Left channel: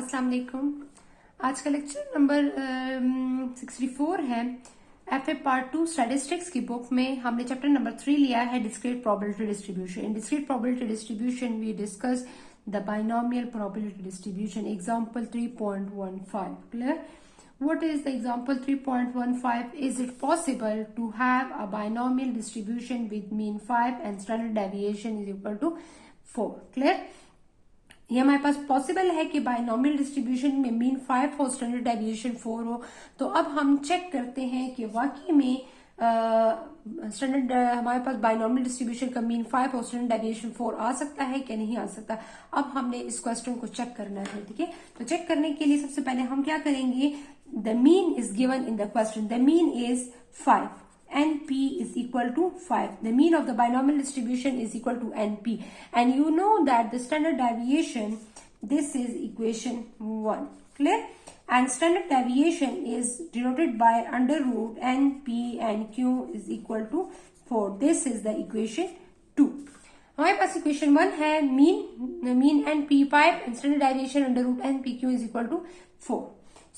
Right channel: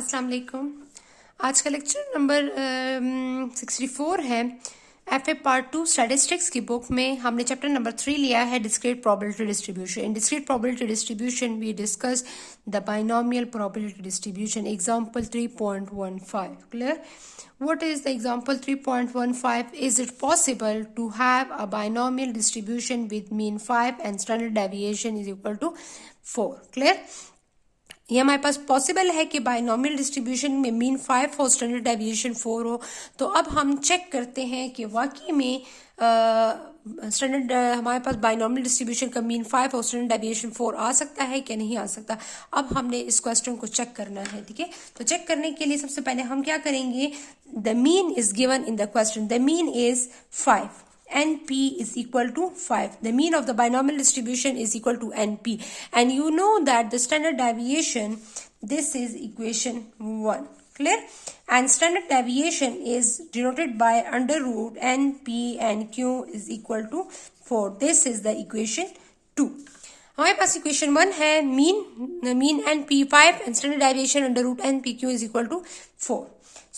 अस्सलाम वालेकुम। आज का लेक्चर नंबर 64 है। एफ ए पार्ट 2 स्टैटिस्टिक्स की बुक में हमने चैप्टर नंबर 3 लिया है, discrete probability distribution. In discrete probability distribution we discuss the binomial probability distribution. Example 3.15 clear. What is the example 3.15? Is it possible to have a binomial distribution with mean 5 and standard deviation is equal to 4? Clear? ये हमारे पास possible है कि binomial distribution में mean 5 हो, standard deviation 4 हो। तो अब हम चेक करते हैं कि वाकई में स्टैंडर्ड हमारे पास बाइनोमियल डिस्ट्रीब्यूशन का मीन 5 और स्टैंडर्ड डेविएशन 4 आ सकता है कि नहीं आ सकता। अब हमने इस क्वेश्चन को चेक करना है, ठीक है। तो चेक करने के लिए सबसे पहले हम क्या करेंगे, the mean is given in the question, the mean is 5 NP is equal to 5. The mean of the binomial distribution is equal to NP. And you know that the standard deviation, this is equation 1. Clear? And standard deviation is denoted by under root NP and Q is equal to 4. This is the equation 2. हमारे पास equation 1 है, mean NP 5 and standard deviation under root NPQ is equal to 4.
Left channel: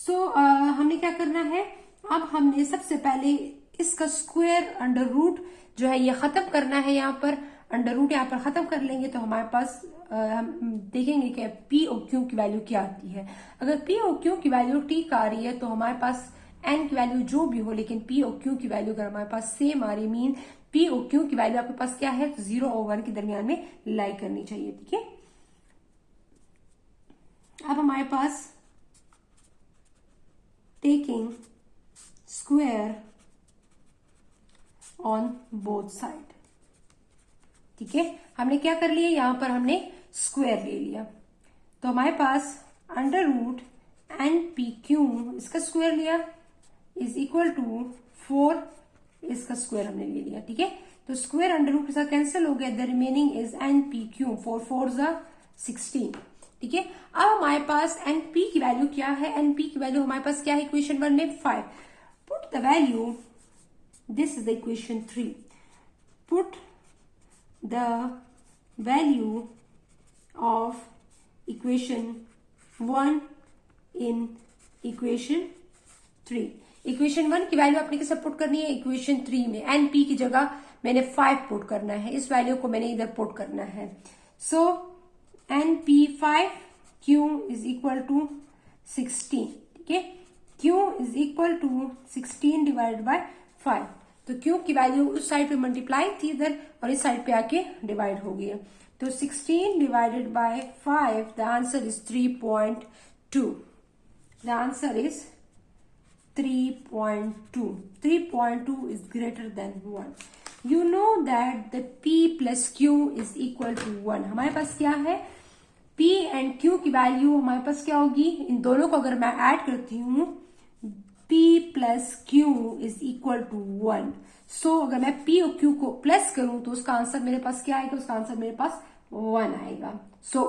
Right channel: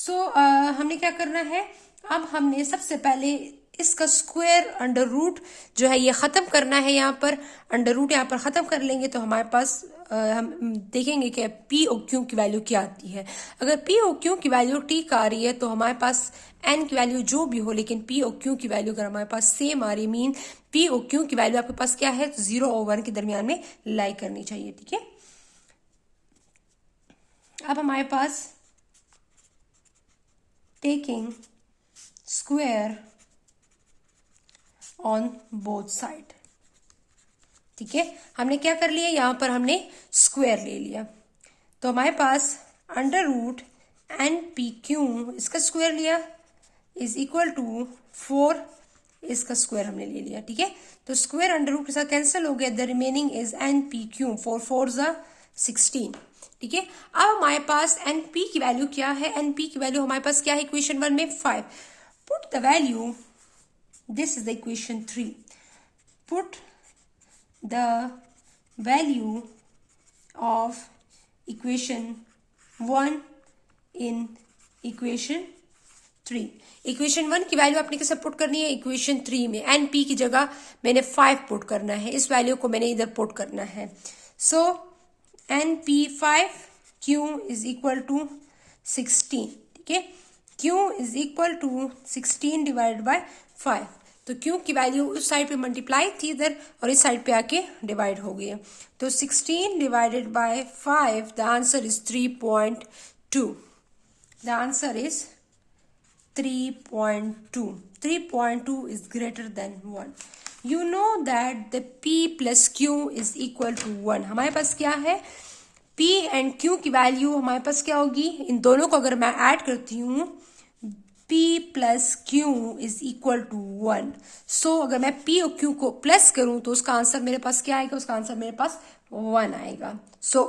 So हमने क्या करना है, अब हमने सबसे पहले इसका स्क्वायर अंडर रूट जो है ये खत्म करना है। यहाँ पर अंडर रूट यहाँ पर खत्म कर लेंगे तो हमारे पास हम देखेंगे कि पी और क्यू की वैल्यू क्या आती है। अगर पी और क्यू की वैल्यू ठीक आ रही है तो हमारे पास एन की वैल्यू जो भी हो, लेकिन पी और क्यू की वैल्यू अगर हमारे पास सेम आ रही, मीन पी और क्यू की वैल्यू आपके पास क्या है, तो 0 और 1 के दरमियान में लाई करनी चाहिए, ठीक है। अब हमारे पास taking square on both side, ठीक है। हमने क्या कर लिया, यहां पर हमने स्क्वायर ले लिया तो हमारे पास under root N P Q इसका स्क्वायर लिया इज इक्वल टू 4, इसका स्क्वायर हमने ले लिया, ठीक है। तो स्क्वायर अंडर रूट के साथ कैंसिल हो गया, the remaining is an P Q, 4 4 16, ठीक है। अब हमारे पास एन पी की वैल्यू क्या है, एन पी की वैल्यू हमारे पास क्या है इक्वेशन 1 में 5। Put the value, this is the equation 3. Put the value of equation 1 in equation 3. Equation 1 की वैल्यू आपने कैसे पुट करनी है, इक्वेशन 3 में एन पी की जगह मैंने 5 पुट करना है, इस वैल्यू को मैंने इधर पुट करना है। So N P 5 Q is equal to 16, ठीक है। Q is equal to 16 divided by 5। तो क्यू की वैल्यू उस साइड पे मल्टीप्लाई थी इधर और इस साइड पे आके डिवाइड हो गई। तो 16 divided by 5, the answer is 3.2। The answer is 3.2। 3.2 is greater than 1। You know that the P plus Q is equal to 1। हमारे पास क्या है, P एंड Q की वैल्यू हमारे पास क्या होगी, इन दोनों को अगर मैं ऐड करती हूँ P plus Q is equal to 1। So अगर मैं P और Q को प्लस करूं तो उसका आंसर मेरे पास क्या आएगा, उसका आंसर मेरे पास 1 आएगा। सो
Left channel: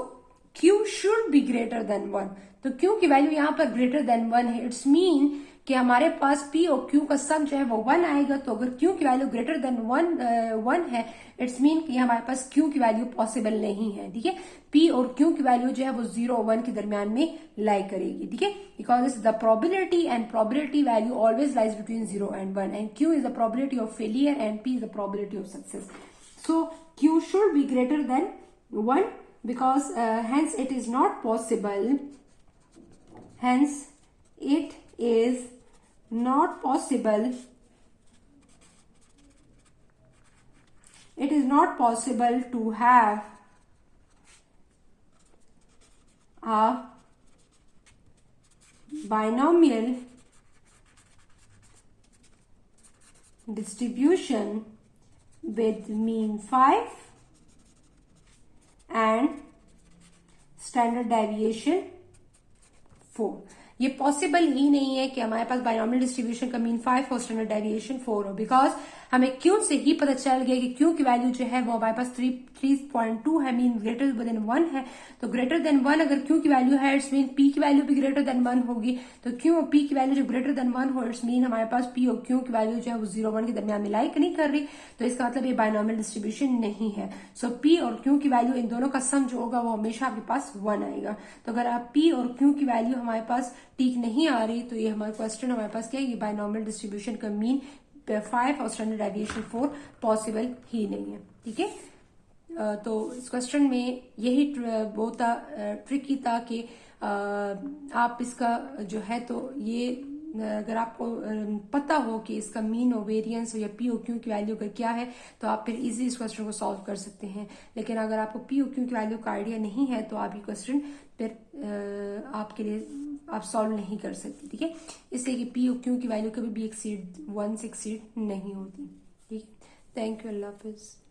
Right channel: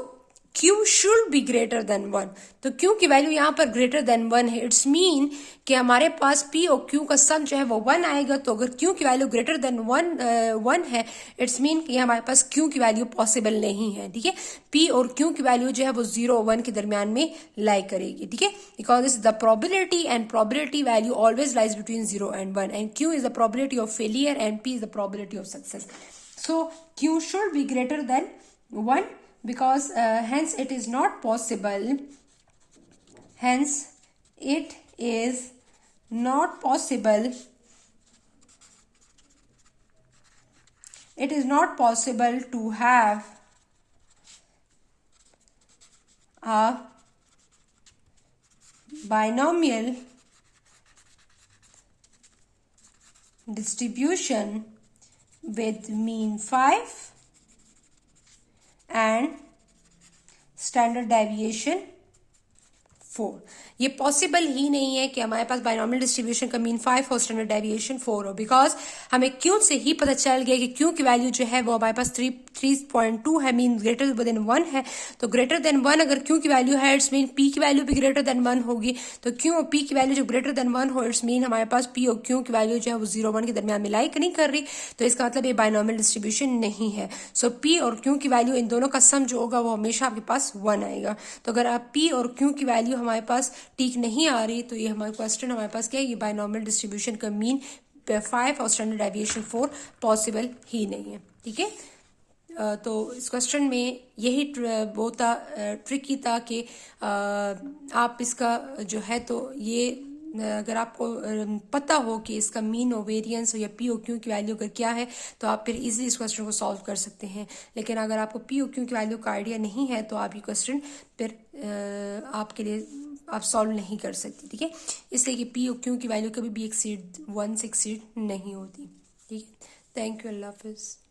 Q should be greater than 1। तो Q की वैल्यू यहाँ पर ग्रेटर देन 1 है। इट्स मीन कि हमारे पास P और Q का सम जो है वो 1 आएगा। तो अगर Q की वैल्यू ग्रेटर देन 1 है, इट्स मीन कि हमारे पास Q की वैल्यू पॉसिबल नहीं है, ठीक है। P और Q की वैल्यू जो है वो 0 और 1 के दरमियान में लाई करेगी, ठीक है। Because is the probability and probability value always lies between 0 and 1 and Q is the probability of failure and P is the probability of success. So Q should be greater than 1 because hence it is not possible, hence it is not possible, it is not possible to have a binomial distribution with mean 5 and standard deviation 4। ये possible ही नहीं है कि हमारे पास binomial distribution का mean 5 और standard deviation 4 हो, because हमें Q से ही पता चल गया कि क्यू की वैल्यू जो है वो हमारे पास 3.2 है, मीन ग्रेटर देन 1 है। तो ग्रेटर देन 1 अगर क्यू की वैल्यू है, इट्स मीन पी की वैल्यू भी ग्रेटर देन 1 होगी। तो क्यू और पी की वैल्यू जो ग्रेटर देन 1 हो, इट्स मीन हमारे पास पी और क्यू की वैल्यू जो है वो 0-1 के दरमियान में लाइक नहीं कर रही, तो इसका मतलब ये बाइनॉमियल डिस्ट्रीब्यूशन नहीं है। सो पी और क्यू की वैल्यू इन दोनों का सम जो होगा वो हमेशा आपके पास 1 आएगा। तो अगर आप पी और क्यू की वैल्यू हमारे पास ठीक नहीं आ रही, तो ये हमारा क्वेश्चन हमारे पास क्या है, ये बाइनॉमियल डिस्ट्रीब्यूशन का मीन 5 और स्टैंडर्ड डेविएशन 4 पॉसिबल ही नहीं है। ठीक है, तो इस क्वेश्चन में यही वो था, ट्रिकी था कि आप इसका जो है तो ये अगर आपको पता हो कि इसका मीन और वेरिएंस या पी ओ क्यू की वैल्यू अगर क्या है, तो आप फिर इजीली इस क्वेश्चन को सॉल्व कर सकते हैं। लेकिन अगर आपको पी ओ क्यू की वैल्यू का आइडिया नहीं है, तो आप ये क्वेश्चन फिर आपके लिए आप सॉल्व नहीं कर सकते। ठीक है, इसलिए कि पी ओ क्यू की वैल्यू कभी भी एक्सीड 1 से एक्सीड नहीं होती। ठीक है, थैंक यू, अल्लाह हाफिज़।